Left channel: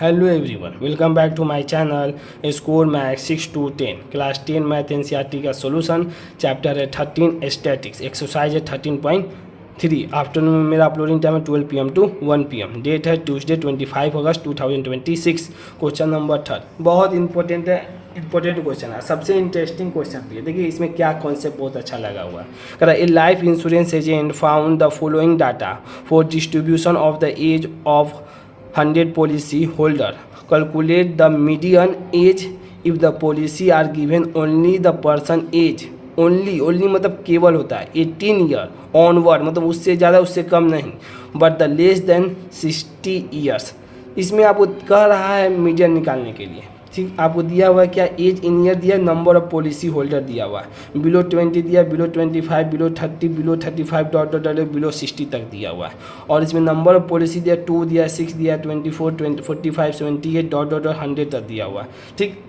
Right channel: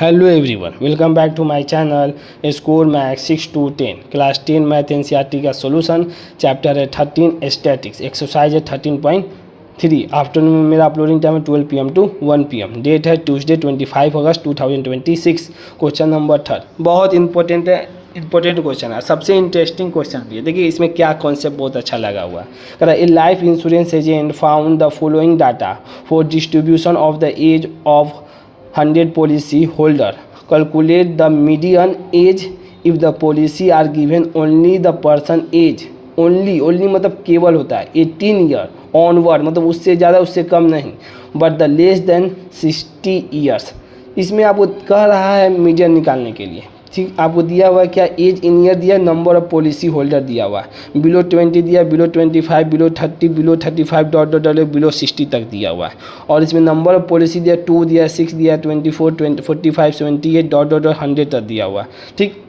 Hello everyone, welcome back to my channel score math 6 to 10 class 10 math NCERT का solution chapter है 13 statics exercise है 13.3 afternoon में मेरा uploading time है 12 PM to 1 PM date है Tuesday 25 अगस्त 2026 question number 3 बहुत important है important question है सबसे इंटरेस्टिंग क्वेश्चन भी है देखिए इसमें क्या कॉन्सेप्ट बहुत अच्छा लगा हुआ है a life insurance agent found the following data for distribution of the age of 100 policy holder calculate the median age if the policy are given only the person age only मतलब केवल होता है 18 year onward मतलब उससे ज़्यादा उससे कम नहीं but the less than 60 years. इसमें आपको कह रहा है मीडियन निकालने के लिए ठीक आपको दिया हुआ है क्या एज इन ईयर दिया नंबर ऑफ पॉलिसी होल्डर दिया हुआ है बिलो 20 दिया below 25 below 30 below 35 dot dot dot below 60 तक दिया हुआ है और इसमें नंबर ऑफ पॉलिसी दिया 2 दिया 6 दिया 24 45 78 डॉट डॉट 100 तक दिया हुआ है ठीक।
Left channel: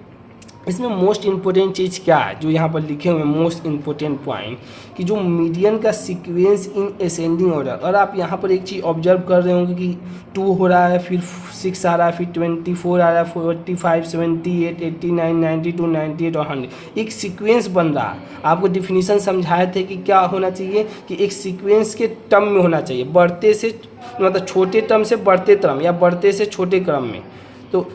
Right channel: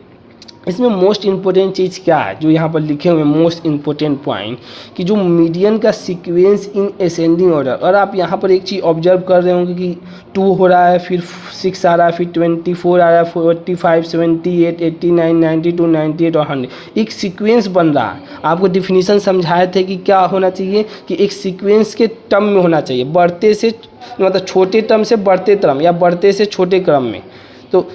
इसमें मोस्ट इंपॉर्टेंट चीज़ क्या है जो यहाँ पर लिखे हुए हैं मोस्ट इंपॉर्टेंट पॉइंट कि जो मीडियन का सीक्वेंस इन असेंडिंग ऑर्डर और आप यहाँ पर एक चीज़ ऑब्जर्व कर रहे होंगे कि 2 हो रहा है फिर 6 आ रहा है फिर 24 आ रहा है 45 78 89 92 98 और 100 एक सीक्वेंस बन रहा है। आपको डिफिनीसन समझाए थे कि क्या होना चाहिए कि एक सीक्वेंस के टर्म में होना चाहिए बढ़ते से मतलब छोटे टर्म से बढ़ते क्रम या बढ़ते से छोटे क्रम में तो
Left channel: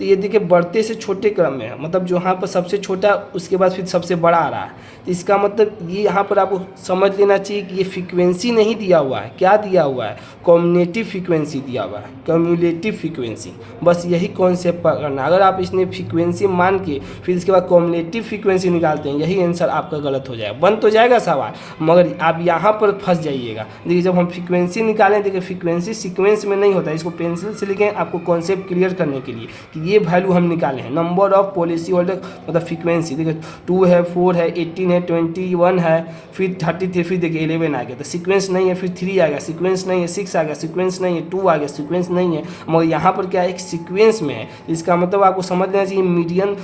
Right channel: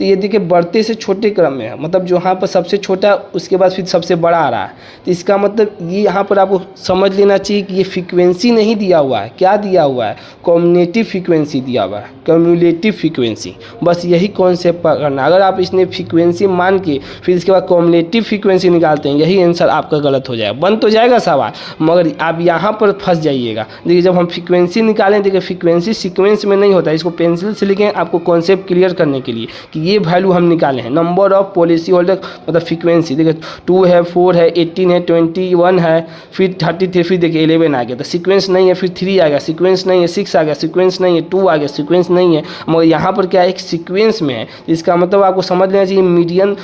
ये देखिए बढ़ते से छोटे क्रम में है मतलब जो यहाँ पर सबसे छोटा उसके बाद फिर सबसे बड़ा आ रहा है तो इसका मतलब ये यहाँ पर आपको समझ लेना चाहिए कि ये फ्रीक्वेंसी नहीं दिया हुआ है क्या दिया हुआ है कम्युलेटिव फ्रीक्वेंसी दिया हुआ है कम्युलेटिव फ्रीक्वेंसी बस यही कॉन्सेप्ट पकड़ना अगर आप इसने फ्रीक्वेंसी मान के फिर इसके बाद कम्युलेटिव फ्रीक्वेंसी निकालते हैं यही आंसर आपका गलत हो जाएगा बन तो जाएगा सवाल मगर आप यहाँ पर फंस जाइएगा। देखिए जब हम फ्रीक्वेंसी निकालें देखिए फ्रीक्वेंसी सीक्वेंस में नहीं होता इसको पेंसिल से लिखें आपको कॉन्सेप्ट क्लियर करने के लिए कि ये वैल्यू हम निकाले हैं नंबर ऑफ पॉलिसी होल्डर मतलब फ्रीक्वेंसी देखिए 2 है 4 है 18 है 21 है फिर 33 फिर देखिए 11 आ गया तो सीक्वेंस नहीं है फिर 3 आ गया सीक्वेंस नहीं है 6 आ गया सीक्वेंस नहीं है 2 आ गया सीक्वेंस नहीं है मगर यहाँ पर क्या है एक सीक्वेंस में है इसका मतलब आपको समझ लेना चाहिए मीडियन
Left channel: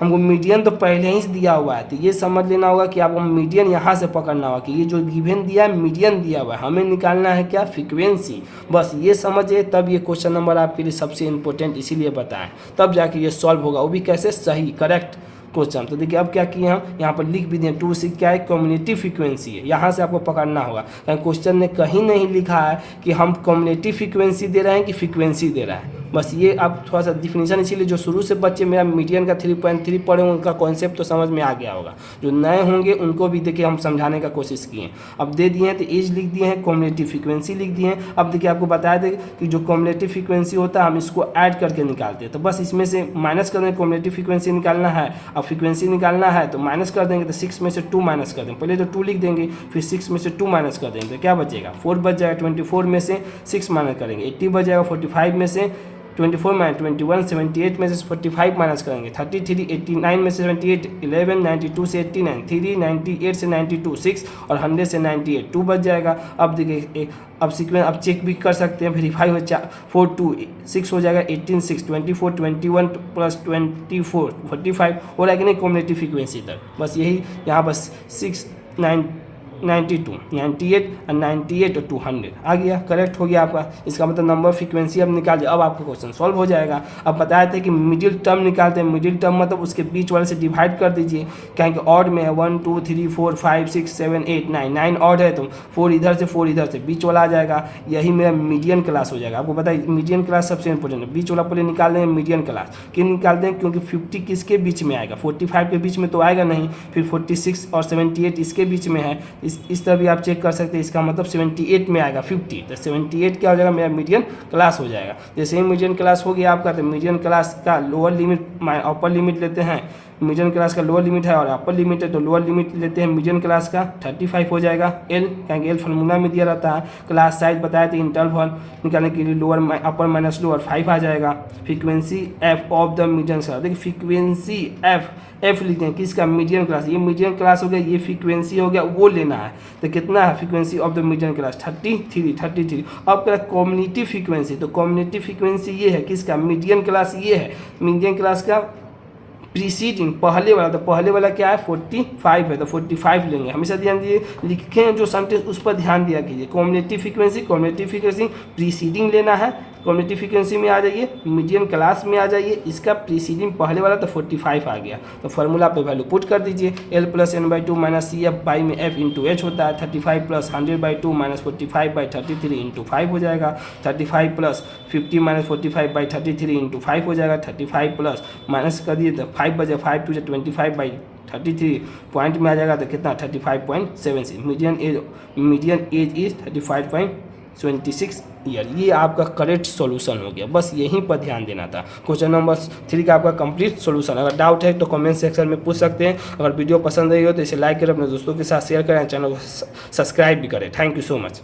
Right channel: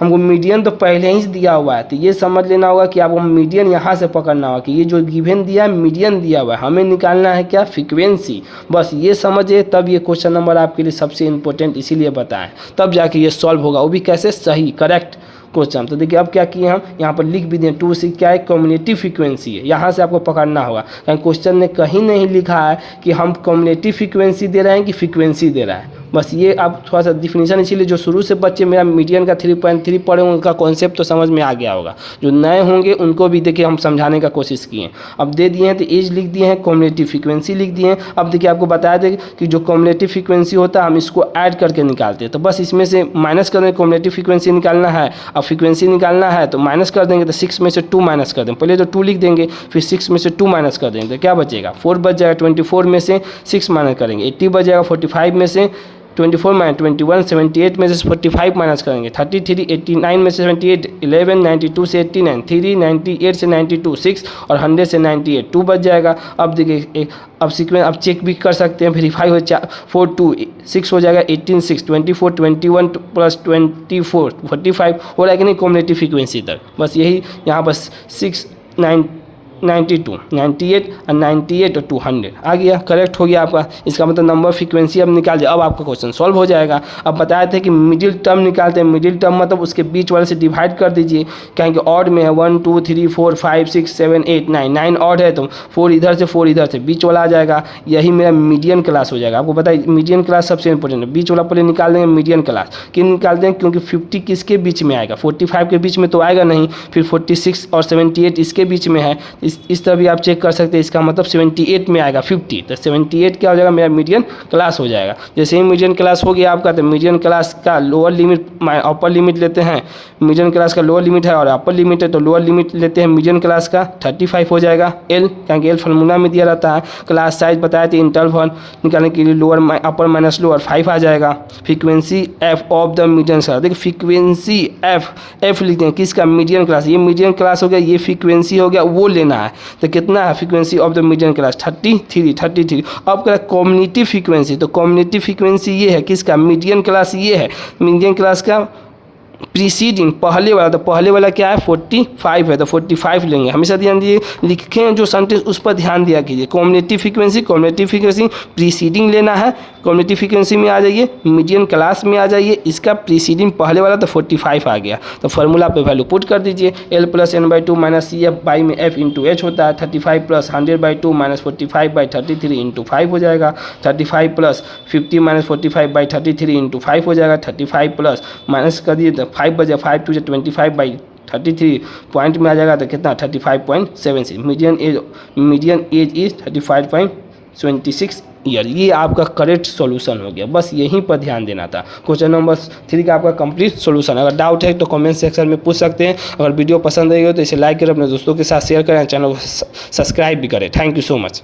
हमको मीडियन तो पहले ही दिया हुआ है तो ये समझ लेना होगा कि आपको मीडियन यहाँ से पकड़ना होगा कि ये जो गिवन दिया है मीडियन दिया हुआ है हमें निकालना है क्या फ्रीक्वेंसी बस ये समझिए तब ये क्वेश्चन नंबर आपके लिए सबसे इंपॉर्टेंट इसीलिए बताएं तब जाके ये सॉल्व होगा वो भी कैसे सही करेक्ट क्वेश्चन। तो देखिए अब क्या किए हम यहाँ पर लिख भी दें 2 से क्या है कम्युलेटिव फ्रीक्वेंसी है यहाँ से आपको पकड़ना होगा कहीं क्वेश्चन ने कहीं नहीं लिखा है कि हम कम्युलेटिव फ्रीक्वेंसी दे रहे हैं कि फ्रीक्वेंसी दे रहा है बस ये आप थोड़ा सा डिफिनीशन इसीलिए जो शुरू से बच्चे मेरा मीडियन का 3.3 पढ़े होंगे उनका कॉन्सेप्ट तो समझ में आ गया होगा जो नए होंगे उनको भी देखिए हम समझाने का कोशिश किए अब दे दिए हैं तो एज लिख दिए हैं कम्युलेटिव फ्रीक्वेंसी लिख दिए हैं। अब देखिए आपको बताया था कि जो कम्युलेटिव फ्रीक्वेंसी होता है हम इसको ऐड करके निकालते हैं तो बस इसमें से माइनस कर देंगे कम्युलेटिव फ्रीक्वेंसी निकालना है अब फ्रीक्वेंसी निकालना है तो माइनस कर देंगे तो 6 में से 2 माइनस कर देंगे पहले तो 2 लिख देंगे फिर 6 में से 2 माइनस कर देंगे तो क्या बचेगा 4 बच जाएगा 24 में से 6 माइनस करेंगे 80 बच जाएगा 45 में से 24 माइनस 21 78 में से 45 माइनस करेंगे 33 89 में से 78 11 92 से 89 3 98 से 92 6 और 100 से 98 2 बच जाएगा। अब देखिए अब सीक्वेंस अब चेक भी कर सकते हैं वेरीफाई हो 4 2 6 हो जाएगा 18 6 24 21 प्लस 24 45 हो रहा है कि नहीं कम्युलेटिव फ्रीक्वेंसी तक बस यही यहाँ पर 6 9 92 98 और 98 और 200 आ गया करेक्ट हो गया आपका। इसका मतलब नंबर फ्रीक्वेंसी अब निकाल दिया अब आपका क्वेश्चन सॉल्व हो जाएगा। अब बताया था कि मिडिल टर्म निकालते हैं मिडिल टर्म मतलब उसके बीच वाले से डिवाइड कर दीजिए कहेंगे ऑड में है 1 2 3 4 5 6 7 8 9 ऑड है तो 4 इधर से 4 इधर से बीच वाला आ जाएगा यही मेरा मीडियन क्लास हो जाएगा। आपको पता है मीडियन क्लास सबसे इंपॉर्टेंट है बीच वाला पहले निकाल देंगे मीडियन क्लास क्यों निकालते हैं क्योंकि 50 किसके बीच में आएगा 45 के बीच में तो आएगा नहीं फिर 46 और 78 इसके बीच में है इस तरह भी आप चेक कर सकते हैं इसका मतलब 78 में आएगा 50 तो 78 क्या हो जाएगा मेरा मीडियन क्लास हो जाएगा। जैसे ही मीडियन क्लास हो गया आपका तो मीडियन क्लास का लोअर लिमिट अपर लिमिट लेते हैं मीडियन क्लास का लोअर लिमिट है और अपर लिमिट है तो लोअर लिमिट लेते हैं मीडियन क्लास का 35 हो जाएगा एल क्योंकि एल फार्मूला में दिया रहता है। क्लास साइज बताया था इंटरवल निकालने के लिए लोअर अपर माइनस लोअर 5 आ जाएगा। Frequency F of the median class देखिए फ्रीक्वेंसी एफ लिखते हैं किसका मीडियन क्लास ये मीडियन क्लास हो गया ये फ्रीक्वेंसी हो गया वो लेना है तो कितना है frequency of the median class 33। अब क्या कम्युनिटी फ्रीक्वेंसी तो कम्युनिटी फ्रीक्वेंसी ये है किसका मीडियन क्लास ये है मीडियन क्लास का प्रीसीडिंग पहले वाला, तो पहले वाला क्या है 45 है, तो 45 लेंगे। हमेशा ध्यान दिए लिखे हैं जो सेंटेंस उस पर ध्यान दिया कीजिए। कॉम्युनिटी फ्रीक्वेंसी प्रीसीडिंग लेना है, कॉम्युनिटी फ्रीक्वेंसी में आ जाइए, मीडियन क्लास में आ जाइए, इसका प्रीसीडिंग पहले वाला तो 45 आ गया, तो फार्मूला पे वैल्यू पुट कर दीजिए। L + n/2 - CF बाई में F × H होता है, 35 + 100/2 - 45/33 × 5 हो जाएगा, 35 + 50 - 45/33 × 5 हो जाएगा, 35 प्लस माइनस कर दिए तो 5 बजे 5 2 25/33 पॉइंट में आ जाएगा, तो कितना 35.76। Median age is 35.26 year. ये आपका करेक्ट सॉल्यूशन हो गया, बस यहीं पर ध्यान देना था। क्वेश्चन नंबर 3 का आपका कंप्लीट सॉल्यूशन। अगर डाउट है तो कमेंट सेक्शन में पूछ सकते हैं। अगर वीडियो पसंद आई हो तो इसे लाइक करें, अपने दोस्तों के साथ शेयर करें, चैनल को सब्सक्राइब भी करें। Thank you so much.